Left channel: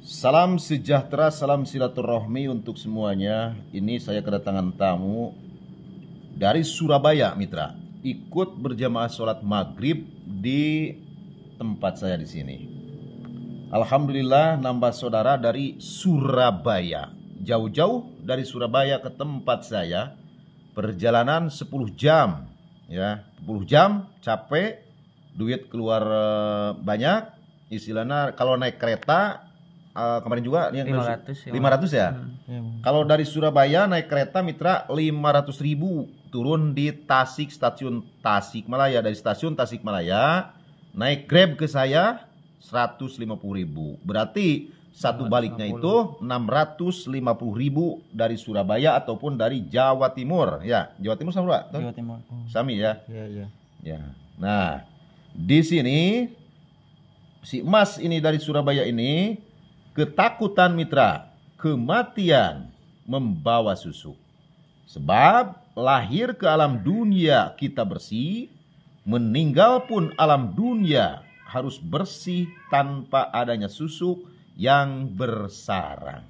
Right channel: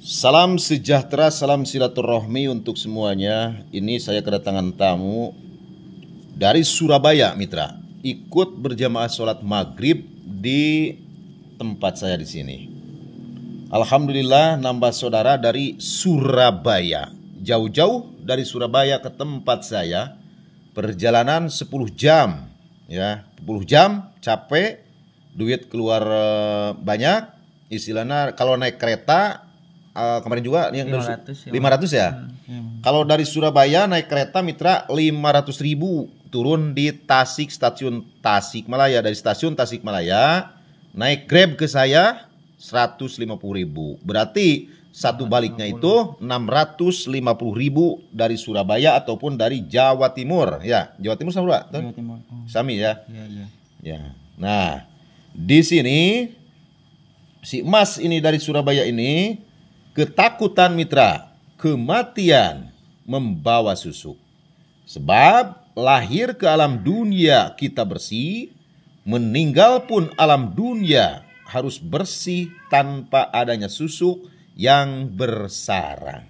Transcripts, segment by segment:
Salam sejahtera, salam silaturahmi untuk semuanya. Ini saya kedatangan tamu dari Surabaya, mitra. Ikut berjamaah sholat maghrib di tempat saya di sini. Alhamdulillah nambah saudara dari Surabaya. Jauh-jauh dari Surabaya ke tempat saya. Perjalanan 10 jam. Ya, 10 jam capek, duit keluar banyak. Istilahnya kalau naik kereta kemarin juga yang 500 ya. Kalau dari Surabaya naik kereta mitra 500.000 turun di Tasik, stasiun Tasikmalaya. Dari stasiun Tasikmalaya naik Grab ke saya 150.000. Berarti satu baliknya itu 650.000 dari Surabaya ataupun dari Jawa Timur. Ya, Jawa Timur sama Jawa Timur. Sami ya. Ya. Nah, di sini si Mas ini dari Surabaya ini ketakutan mitra, kematian membawa susuk. Sebab lahir ke alam dunia kita bersih, meninggal pun alam dunia harus bersih tanpa adanya susuk yang bersarang.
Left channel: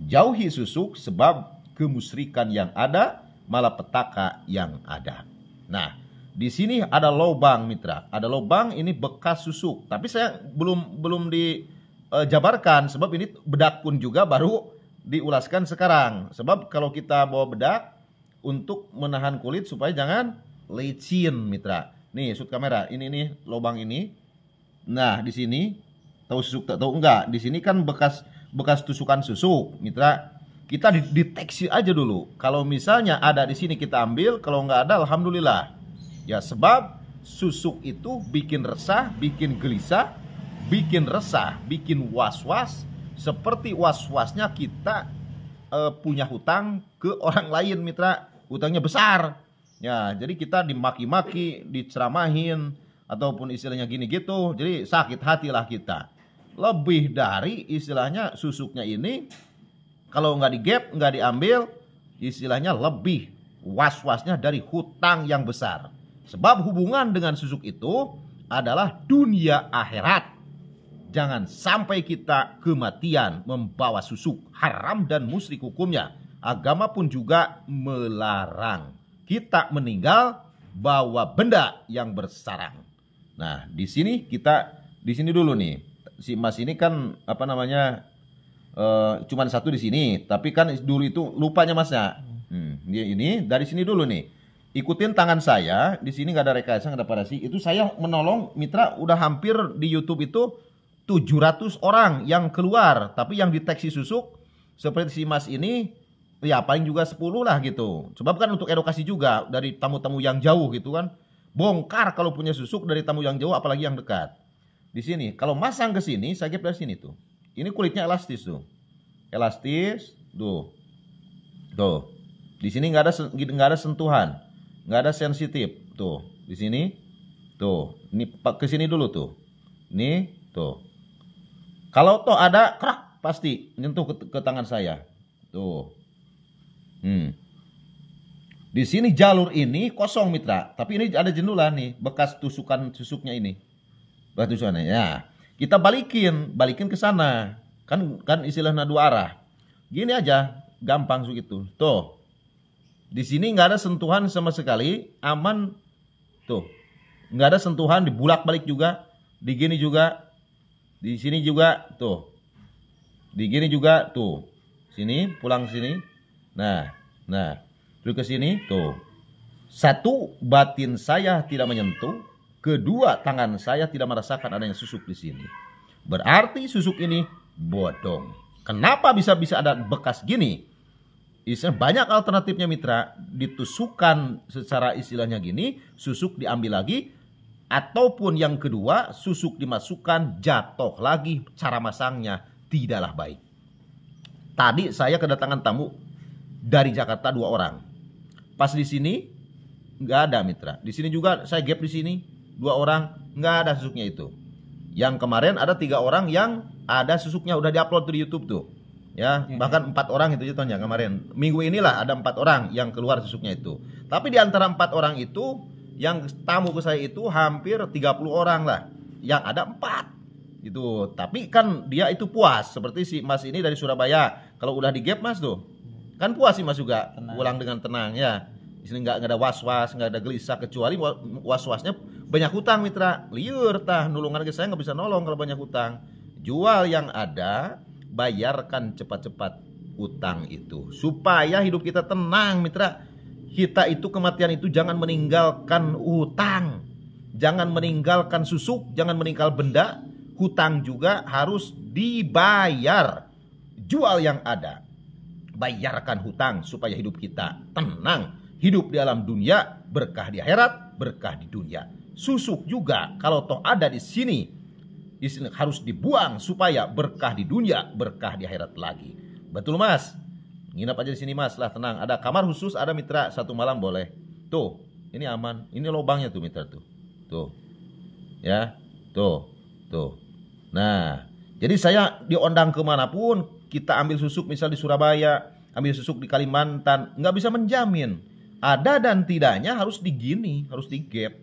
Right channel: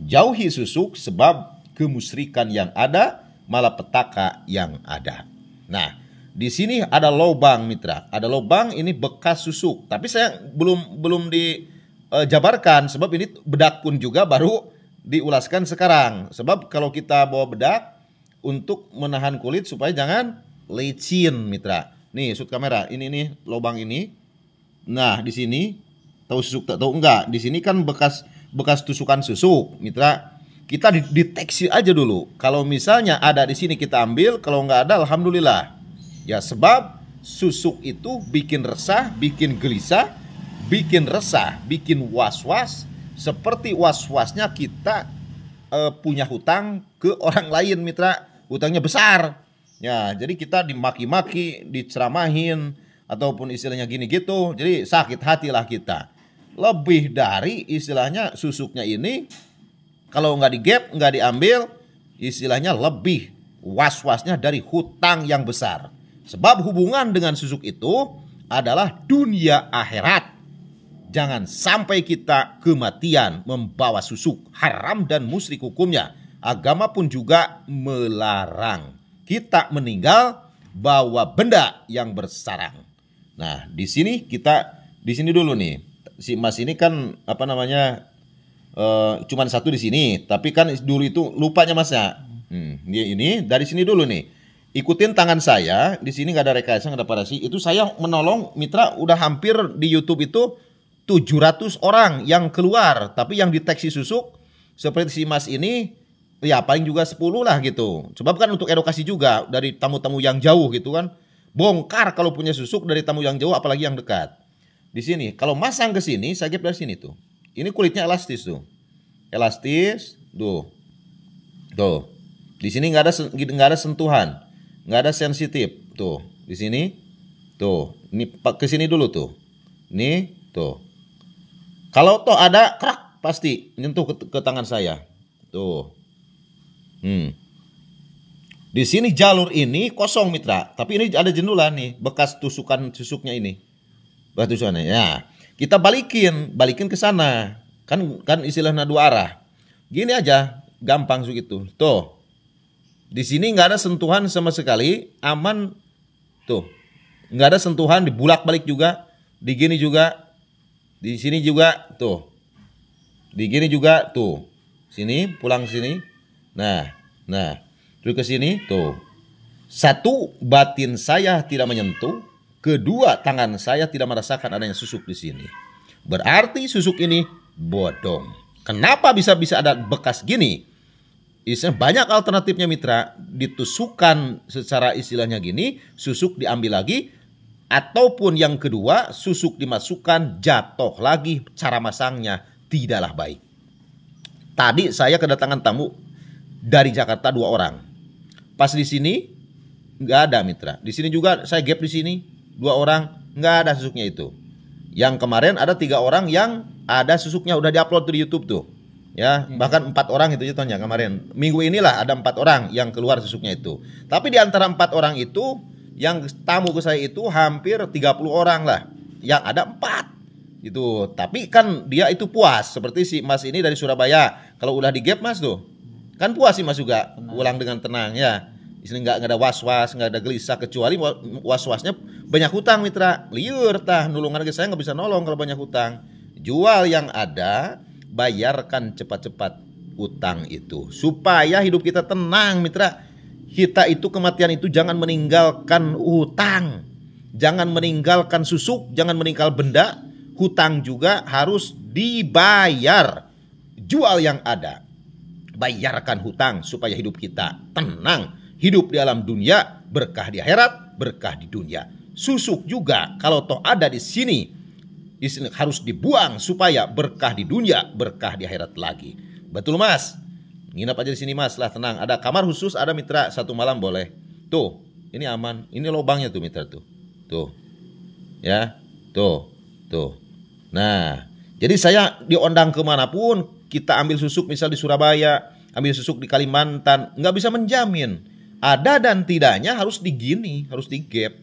Jauhi susuk sebab kemusyrikan yang ada, malapetaka yang ada. Nah, di sini ada lubang mitra, ada lubang ini bekas susuk, tapi saya belum dijabarkan sebab ini bedak pun juga baru diulaskan sekarang. Sebab kalau kita bawa bedak untuk menahan kulit supaya jangan licin mitra. Nih shoot kamera, ini nih lubang ini. Nah di sini tahu susuk tak tahu enggak? Di sini kan bekas tusukan susuk mitra. Kita deteksi aja dulu. Kalau misalnya ada di sini kita ambil, kalau enggak ada alhamdulillah. Ya sebab susuk itu bikin resah, bikin gelisah, bikin resah, bikin was-was, seperti was-wasnya kita punya hutang ke orang lain mitra, hutangnya besar. Ya, jadi kita dimaki-maki, diceramahin ataupun istilahnya gini gitu. Jadi sakit hatilah kita. Lebih dari istilahnya susuknya ini kalau nggak digap, nggak diambil, istilahnya lebih was-wasnya dari hutang yang besar. Sebab hubungan dengan susuk itu adalah dunia akhirat. Jangan sampai kita kematian membawa susuk, haram dan musyrik hukumnya. Agama pun juga melarang kita meninggal bawa benda yang bersarang. Nah, di sini dulu nih. Si Mas ini kan cuman satu di sini, tapi kan dulu itu lupanya Masnya. Ini dari sini dulu nih. Ikutin tangan saya, di sini nggak ada rekayasa, nggak ada parasi. Itu saya menolong mitra udah hampir di YouTube itu 700 orang yang keluar, tapi yang deteksi susuk seperti si Mas ini ya paling juga 10 lah gitu. Sebab kan untuk edukasi juga dari tamu-tamu yang jauh gitu kan. Bongkar kalau punya susuk dari tamu yang jauh apalagi yang dekat. Di sini kalau masang ke sini, saya dari sini tuh. Ini kulitnya elastis tuh. Elastis, tuh. Tuh. Di sini nggak ada sentuhan. Nggak ada sensitif. Tuh, di sini. Tuh, ini ke sini dulu tuh. Ini, tuh. Kalau toh ada krak pasti nyentuh ke tangan saya. Tuh. Di sini jalur ini kosong mitra, tapi ini ada jendulan nih, bekas tusukan susuknya ini. Bekas tusukannya. Ya, kita balikin ke sana. Kan istilahnya dua arah. Gini aja, gampang begitu. Tuh. Di sini nggak ada sentuhan sama sekali, aman. Tuh. Nggak ada sentuhan, dibulak-balik juga, di gini juga. Di sini juga tuh. Di gini juga tuh. Sini pulang sini. Nah. Terus ke sini tuh. Satu, batin saya tidak menyentuh. Kedua, tangan saya tidak merasakan adanya susuk di sini. Berarti susuk ini bodong. Kenapa bisa ada bekas gini? Banyak alternatifnya mitra. Ditusukkan secara istilahnya gini, susuk diambil lagi. Ataupun yang kedua, susuk dimasukkan, jatuh lagi, cara masangnya tidaklah baik. Tadi saya kedatangan tamu dari Jakarta 2 orang. Pas di sini nggak ada mitra. Di sini juga saya gap di sini 2 orang, nggak ada susuknya itu. Yang kemarin ada 3 orang yang ada susuknya udah diupload di YouTube tuh. Ya, bahkan 4 orang itu contohnya kemarin. Minggu inilah ada 4 orang yang keluar susuknya itu. Tapi di antara 4 orang itu yang tamu ke saya itu hampir 30 orang lah. Yang ada 4 Itu. Tapi kan dia itu puas, seperti si Mas ini dari Surabaya. Kalau udah di gap Mas tuh, kan puas sih Mas juga, pulang dengan tenang ya. Di sini nggak ada was-was, nggak ada gelisah, kecuali was-wasnya banyak hutang mitra. Liur tah, nulungan ke saya nggak bisa nolong kalau banyak hutang. Jual yang ada, bayarkan cepat-cepat utang itu, supaya hidup kita tenang mitra. Kita itu kematian itu jangan meninggalkan hutang, jangan meninggalkan susuk, jangan meninggal benda. Hutang juga harus dibayar. Jual yang ada, bayarkan hutang supaya hidup kita tenang. Hidup di alam dunia, berkah di akhirat, berkah di dunia. Susuk juga kalau toh ada di sini harus dibuang supaya berkah di dunia, berkah di akhirat lagi. Betul Mas? Nginap aja di sini Mas, lah tenang. Ada kamar khusus, ada mitra, 1 malam boleh. Tuh, ini aman. Ini lubangnya tuh mitra tuh. Tuh. Ya, tuh. Tuh. Nah, jadi saya diundang kemanapun, kita ambil susuk misal di Surabaya, ambil susuk di Kalimantan, nggak bisa menjamin. Ada dan tidaknya harus digini, harus digap.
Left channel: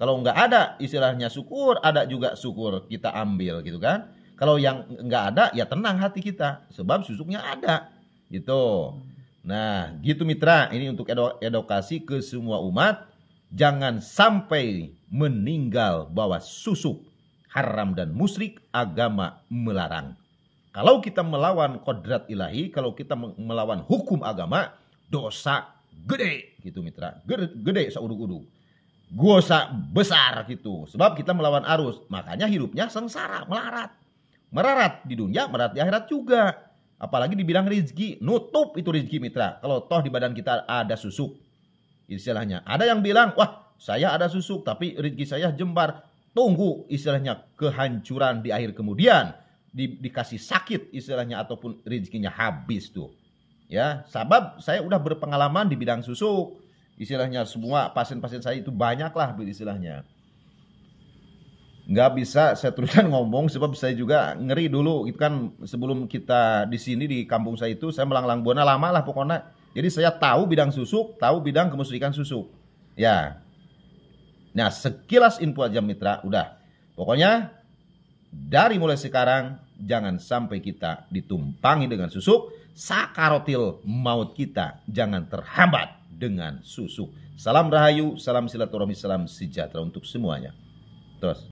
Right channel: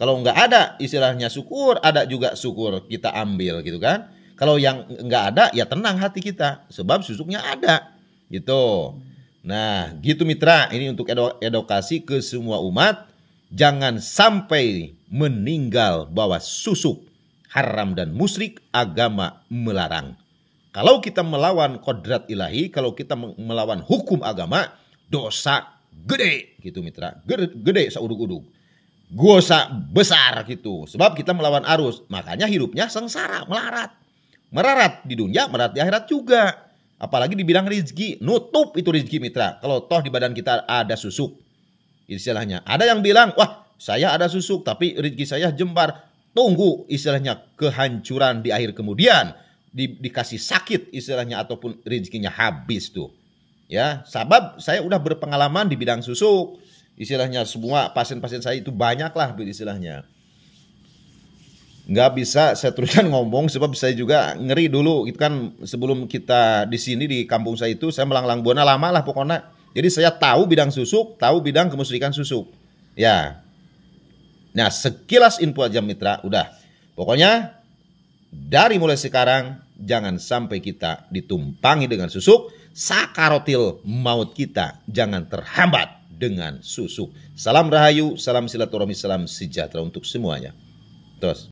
Kalau nggak ada istilahnya syukur, ada juga syukur kita ambil gitu kan. Kalau yang nggak ada ya tenang hati kita, sebab susuknya ada gitu. Nah gitu mitra, ini untuk edukasi ke semua umat. Jangan sampai meninggal bawa susuk, haram dan musyrik, agama melarang. Kalau kita melawan kodrat ilahi, kalau kita melawan hukum agama, dosa gede gitu mitra, gede sauduk-uduk, dosa besar gitu. Sebab kita melawan arus, makanya hidupnya sengsara, melarat di dunia, melarat di akhirat juga. Apalagi di bidang rezeki, nutup itu rezeki mitra. Kalau toh di badan kita ada susuk, istilahnya. Ada yang bilang, wah saya ada susuk tapi rezeki saya jembar. Tunggu istilahnya kehancuran di akhir kemudian, dikasih sakit istilahnya, ataupun rezekinya habis tuh. Ya, sebab saya udah berpengalaman di bidang susuk. Istilahnya semua pasien-pasien saya itu banyak lah istilahnya. Nggak bisa saya teruskan ngomong sebab saya juga ngeri dulu. Itu kan sebelum kita di sini di kampung saya itu saya melanglang buana lama lah pokoknya. Jadi saya tahu bidang susuk, tahu bidang kemusyrikan susuk. Ya. Nah sekilas info aja mitra, udah. Pokoknya dari mulai sekarang jangan sampai kita ditumpangi dengan susuk. Sakarotil maut kita jangan terhambat dengan susuk. Salam rahayu, salam silaturahmi, salam sejahtera untuk semuanya. Terus.